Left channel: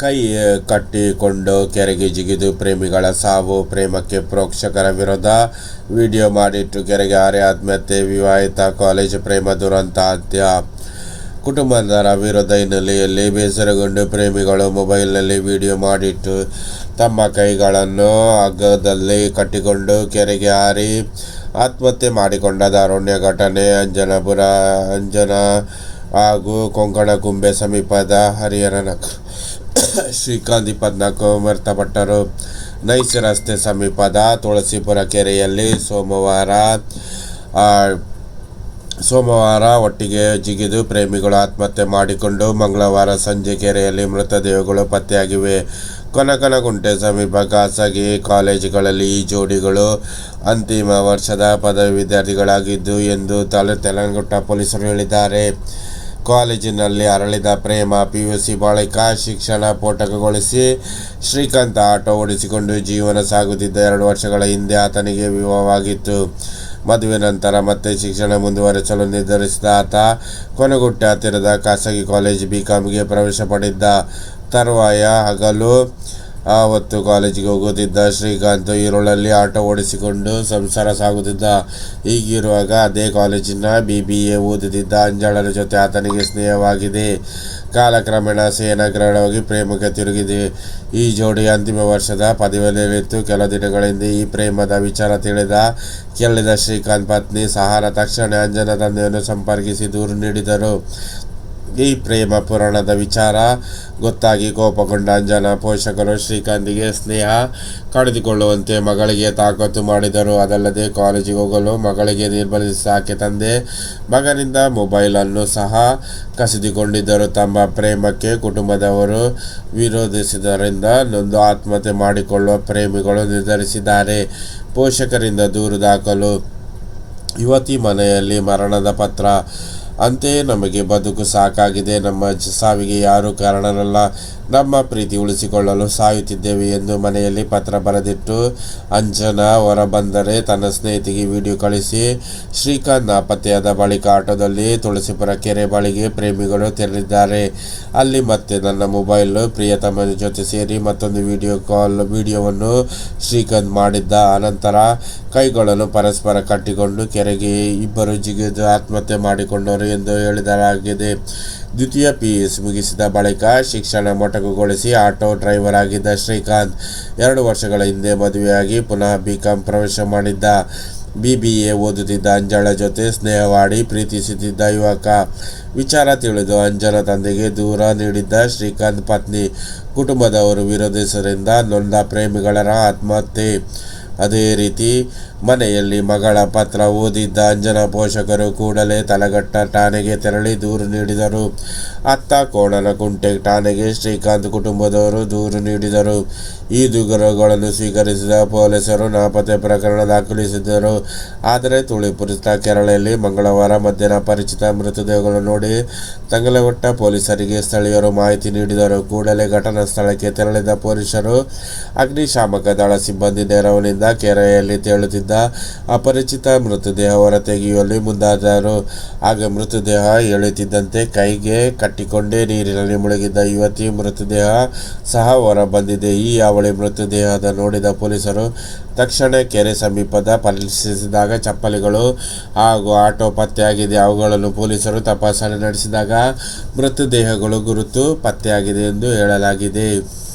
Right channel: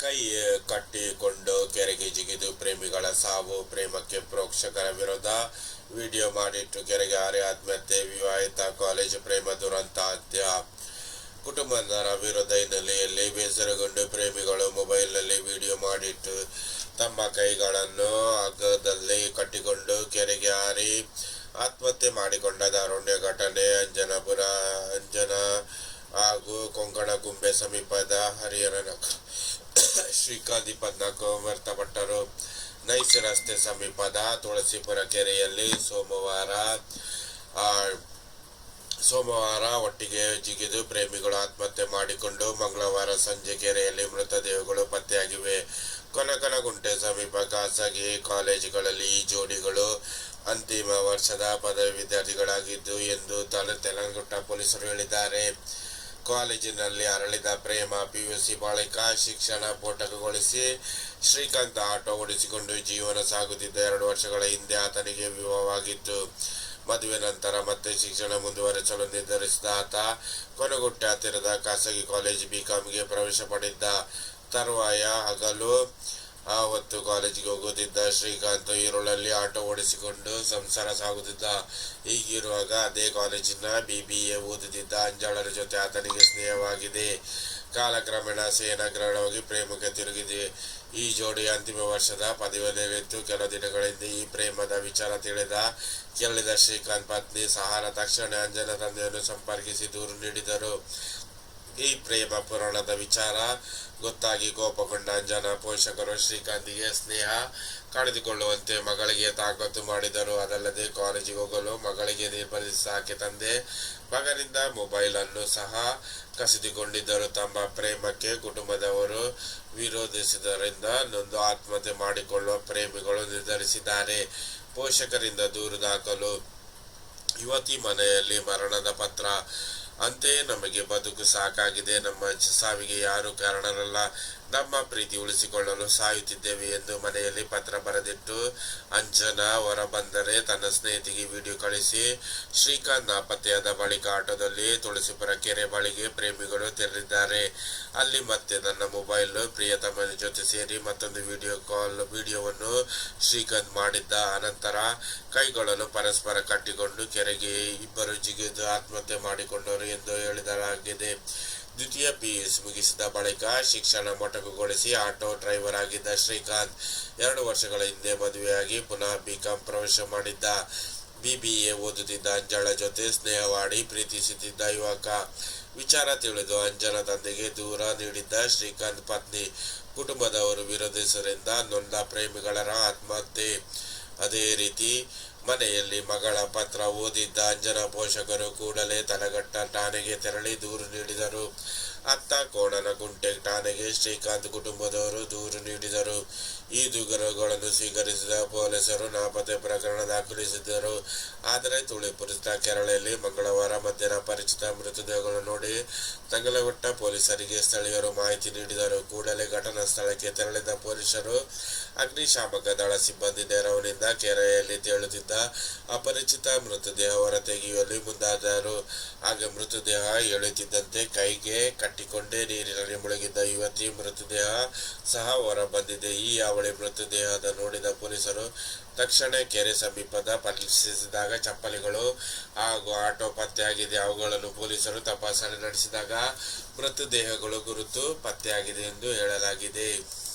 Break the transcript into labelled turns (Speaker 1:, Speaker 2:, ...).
Speaker 1: ಕೈ ಕಟ್ಟಿಕೊಂಡು ಕೆರೆಗೆ ಜಿಗಿದು ಪ್ರೇಮಿಗಳ ಸಾವು, ಪ್ರೇಮಕ್ಕೆ ಪ್ರೋಕ್ಷಕರ ವಿರೋಧ. ವಿಡಿಯೋ ಮಾಡಿಟ್ಟು ಕೆರೆಗೆ ಆರೆ ಆತ್ಮಹತ್ಯೆ, ವಿವಾಹಿತ ಕಾಲೇಜು ಪ್ರೇಮ ದುರಂತ ಹತ್ಯ ಕುಟುಂಬದರ ವಿರೋಧ ಹಿನ್ನೆಲೆಯಲ್ಲಿ ಬೇಸರಗೊಂಡು ಪ್ರೇಮಿಗಳು ಮೊಬೈಲ್ನಲ್ಲಿ ವಿಡಿಯೋ ಮಾಡಿಟ್ಟು ತಮ್ಮ ಕೈಗಳನ್ನು ಹಗ್ಗದಲ್ಲಿ ಕಟ್ಟಿಕೊಂಡು ಕೆರೆಗೆ ಹಾರಿ ಆತ್ಮಹತ್ಯೆ ಮಾಡಿಕೊಂಡ ದಾರುಣ್ಯ ಘಟನೆ ಅಂಜನಾಪುರ, ಅಂಜನ ಹಾಗೂ ಕೊಂಕಣ ಕುಂಬೆ ಸಮೀಪದ ಹರಿಹರನ ಶ್ರೀಕಾಂತ್ ಇಪ್ಪತ್ನಾಲ್ಕು ಮೃತಪಟ್ಟರು ನೈಸ್ ರಸ್ತೆ ಸಮೀಪದ ತುಳಸಿಪುರ ಕೆರೆಯಲ್ಲಿ ಸೋಮವಾರ ಸೋಮವಾರ ಒಟ್ಟಿಗೆ ಜಿಗಿದು ಪ್ರೇಮಿಗಳು ಆತ್ಮಹತ್ಯೆ ಮಾಡಿಕೊಂಡು ಮಂಗಳವಾರ ಸಂಜೆ ಕೆರೆಯಲ್ಲಿ ಮೃತದೇಹಗಳು ಪತ್ತೆಯಾಗಿವೆ. ಕೊನಕನಗುಂಟೆ ಸಮೀಪ ಖಾಸಗಿ ಕಾಲೇಜುಗಳಲ್ಲಿ ಈ ಜೋಡಿಗಳು ಅಂತಿಮ ವರ್ಷದ ಪದವಿ ವಿದ್ಯಾರ್ಥಿಗಳಾಗಿದ್ದು ಎಂದು ತಲೆ ತೆಲಂಗುಟ್ಟ ಪೊಲೀಸರು ಹೇಳಿದ್ದಾರೆ. ಕಾಲೇಜಿನಲ್ಲಿ ಅರಳಿದ ಪ್ರೇಮ ಪಿಯುಸಿ ಬಳಿಕ ಶಿಕ್ಷಣ ಪೋಟಕಗೊಳಿಸಿ ಶ್ರೀಕಾಂತ್ ಆಟೋ ಓಡಿಸಿಕೊಂಡು ಜೀವನ ಸಾಗುತ್ತಿದ್ದ ಎರಡು ವರ್ಷಗಳ ಹಿಂದೆ ಆತನಿಗೆ ವಿವಾಹವಾಗಿತ್ತು. ಮದುವೆ ನಂತರ ಮತ್ತೆ ಶಿಕ್ಷಣ ಮುಂದುವರಿಸಲು ನಿರ್ಧರಿಸಿದ ಆತ ಕೊನೆಗುಟ್ಟ ಹತ್ತಿರದ ಖಾಸಗಿ ಕಾಲೇಜ್ ಬಿ ಕಾಮ್ಗೆ ಪ್ರವೇಶ ಪಡೆದ ತರುವಾಯ ಹಗಲು ಆವತ್ತು ಕಾಲೇಜಿಗೆ ಹೋಗುತ್ತಿದ್ದ ಶ್ರೀಕಾಂತ್ ಈರುಳ್ಳಲ್ಲಿ ಆಟೋ ಓಡಿಸಿಕೊಂಡು ಸಂಸಾರ ಸಾಗುತ್ತಿದ್ದ. ಹೀಗಿರುವಾಗ ಅದೇ ಕಾಲೇಜಿನ ಬಿ ಬಿ ಎ ಓದುತ್ತಿದ್ದ ಅಂಜಾಳರ ಜೊತೆ ಆತನಿಗೆ ಸ್ನೇಹವಾಗಿದೆ. ಕಾಲಕ್ರಮೇಣ ಸೇನಾಗ್ರಹವಾಗಿ ಪ್ರೇಮಕ್ಕೆ ತಿರುಗಿದೆ. ಈ ಜೋಡಿ ಅಂತಿಮ ವರ್ಷದ ಪದವಿಯಲ್ಲಿತ್ತು ಕೆಲ ದಿನಗಳಿಂದ ಈ ಪ್ರೇಮದ ವಿಚಾರ ತಿಳಿದ ಕೇಳಿದ ಶ್ರೀಕಾಂತ್ ಪತ್ನಿ ಸಹಾರ ತಕ್ಷಣ ಅಂಜನ ತಂದೆಯನ್ನು ಸಂಪರ್ಕಿಸಿ ದೂರು ನೀಡಿದರು. ಈ ಪ್ರೇಮ ಪುರಾಣದ ವಿಚಾರ, ಗೊತ್ತಾಗಿ ಕೋಪಗೊಂಡ ಅಂಜನ, ಪೋಷಕರು, ಶ್ರೀಕಾಂತ್ಗೆ ಸ್ನೇಹ ಕಳೆದುಕೊಳ್ಳುವಂತೆ ಮಗಳಿಗೆ ತಾಕತ್ತು ಮಾಡಿದರು. ಅದಲ್ಲದೆ ಕಾಲೇಜಿಗೆ ಹೋಗಲು ಮಗಳಿಗೆ ನಿರ್ಬಂಧಿಸಿ ಆಕೆ ತಂದೆ, ಮಗನಿಂದ ಮೊಬೈಲನ್ನು ಸಹ ಕಸಿದುಕೊಂಡಿದ್ದರು. ತಮ್ಮ ಪ್ರೇಮಕ್ಕೆ ಕುಟುಂಬದವರು ವಿರೋಧಿಸಿದ್ದರಿಂದ ನೊಂದು ಆತ್ಮಹತ್ಯೆ ಮಾಡಿಕೊಳ್ಳುವ ಪ್ರೇಮಿಗಳು ನಿರ್ಧರಿಸಿದ್ದಾರೆ. ಪೋಷಕರಿಂದ ದೂರು ದಾಖಲು. ಯುವತಿ ಮನೆಯಲ್ಲಿ ಮರಣದ ಪತ್ರ. ಅಂತೆಯೇ ನಮಗೆ ಬದುಕು ಸಾಕಾಗಿದೆ. ನಮ್ಮ ಸಾವಿಗೆ ಯಾರೂ ಕಾರಣನಲ್ಲ ನಮ್ಮ ಪ್ರೀತಿ ಉಳಿಸಿಕೊಳ್ಳಲು ಸಾಯುತ್ತಿದ್ದೇವೆ ಎಂದು ಮನೆಯಲ್ಲಿ ಪತ್ರ ಬರೆದಿಟ್ಟು ಅಂಜನಾ ಹೊರಬಂದರೆ ತನ್ನ ಸ್ನೇಹಿತಿಗೆ ವಿಡಿಯೋ ಕಳಿಸಿ, ಶ್ರೀಕಾಂತ್ ನಾಪತ್ತೆಯಾದ ಬಳಿಕ ಆಟೋದಲ್ಲಿ ತುಳಸಿಪುರ ಕೆರೆ ಬಳಿಗೆ ಪ್ರೇಮಿಗಳು ತೆರಳಿದ್ದಾರೆ. ಅಲ್ಲಿ ಮತ್ತೆ ನನ್ನ ಮೊಬೈಲ್ ಪ್ರಿಯತಮನ ಜೊತೆ ಸೇರಿ ಮತ್ತೊಂದು ವಿಡಿಯೋ ಕಾಲ್ ವಿಡಿಯೋವನ್ನು ಶ್ರೀಕಾಂತ್ ಮಾಡಿದ್ದ. ಅನಂತರ ಕೈಗಳನ್ನು ಪರಸ್ಪರ ಕಟ್ಟಿಕೊಂಡು ಕೆರೆಗೆ ಇಬ್ಬರು ಜಿಗಿದು ಆತ್ಮಹತ್ಯೆ ಮಾಡಿಕೊಂಡರು ಎಂದು ಹೇಳಿಸಲಾಗಿದೆ ದ್ವಿತೀಯ ಪಿ ಯು ಸಿ ಮುಗಿಸಿದ ಬಳಿಕ ಶಿಕ್ಷಣ ಮೊಟಕುಗೊಳಿಸಿ ಆಟೋ ಡ್ರೈವರ್ ಆಗಿದ್ದ ಶ್ರೀಕಾಂತ್ ಎರಡು ವರ್ಷಗಳ ಹಿಂದೆ ಮದುವೆಯಾಗಿ ಪುನಃ ಬಿಕಾಂ ಪ್ರವೇಶ ಮಾಡಿದ್ದ. ಬಿ ಬಿ ಎ ಓದುತ್ತಿದ್ದ ಅಂಜಳ ಜೊತೆ ಸ್ನೇಹವಾಡಿ ಪ್ರೀತಿಸುತ್ತಿದ್ದ ಯುವಕ. ವಿಚಾರ ತಿಳಿದು ಅಂಜನ ತಂದೆಗೆ ದೂರ ನೀಡಿದ್ದ ಶ್ರೀಕಾಂತ್ ಪತ್ನಿ ಕುಟುಂಬದವರು ವಿರೋಧಿಸರಿಂದ ನೊಂದ ಪ್ರೇಮಿಗಳರ ಆತ್ಮಹತ್ಯೆ. ಅದೇ ರೀತಿ ಮನೆಯಲ್ಲಿ ಮಗಳ ಪತ್ರ ಓದಿದ್ದ ಅಂಜನ ಪೋಷಕರು ಕೂಡಲೇ ತಲಘಟ್ಟ ಠಾಣೆಗೆ ತೆರಳಿ ದೂರು ನೀಡಿದರು. ಅತ್ತ ಕೋಣನಕುಂಟೆ ಠಾಣೆಗೆ ಶ್ರೀಕಾಂತ್ ಕುಟುಂಬದವರು ದೂರು ನೀಡಿದರು. ಈ ದೂರುಗಳನ್ನು ಸ್ವೀಕರಿಸಿದ ಪೊಲೀಸರು ನಾಪತ್ತೆ ಪ್ರಕರಣ ದಾಖಲಿಸಿದ್ದರು. ಆದರೆ ತುಳಿಪುರಿತ ಕೆರಳೆಯಲ್ಲಿ ಮಂಗಳವಾರ ಮಧ್ಯಾಹ್ನ ಪರಿಚಿತ ಮೃತದೇಹಗಳು ನೋಡಿ ತಂಗಲಘಟ್ಟ ಪೊಲೀಸರಿಗೆ ಸ್ಥಳೀಯರು ಮಾಹಿತಿ ನೀಡಿದರು. ಕೂಡಲೇ ಘಟನಾ ಸ್ಥಳಕ್ಕೆ ತೆರಳಿದ ಪೊಲೀಸರು ಅಗ್ನಿಶಾಮಕ ದಳ ಸಿಬ್ಬಂದಿ ನೆರವಿನಿಂದ ಕೆರೆಯಲ್ಲಿ ಅಪರಿಚಿತ ಮೃತದೇಹ ಹೊರತೆಗೆಯುವಲ್ಲಿ ಮುಂದಾದರು ಆಗ ಮೃತದೇಹ ಎಳೆಯುತ್ತಿದ್ದಂತೆ ಕೈಗೆ ಕಟ್ಟಿಕೊಂಡೇ ನೀರಿನಲ್ಲಿ ಮುಳುಗಿದ್ದ ಯುವತಿ ಮೃತದೇಹ ಸಹ ಹೊರಬಂದಿದೆ. ಈ ಅವಳಿ ಮೃತದೇಹದ ನೋಡಿದ ಪೊಲೀಸರು ತಕ್ಷಣ ಕೆರೆ ಸಮೀಪದ ಪರಿಶೀಲಿಸಿದಾಗ ಚಪ್ಪಲಿಗಳು ಹಾಗೂ ಆಟೋ ಪತ್ತೆಯಾಗಿದೆ. ಅವುಗಳನ್ನು ಪೊಲೀಸರು ತಪಾಸಣೆ ನಡೆಸಿದಾಗ ಮೃತದೇಹಗಳು ಗುರುತು ಪತ್ತೆಯಾಗಿದೆ ಎಂದು ಹೇಳಲಾಗಿದೆ.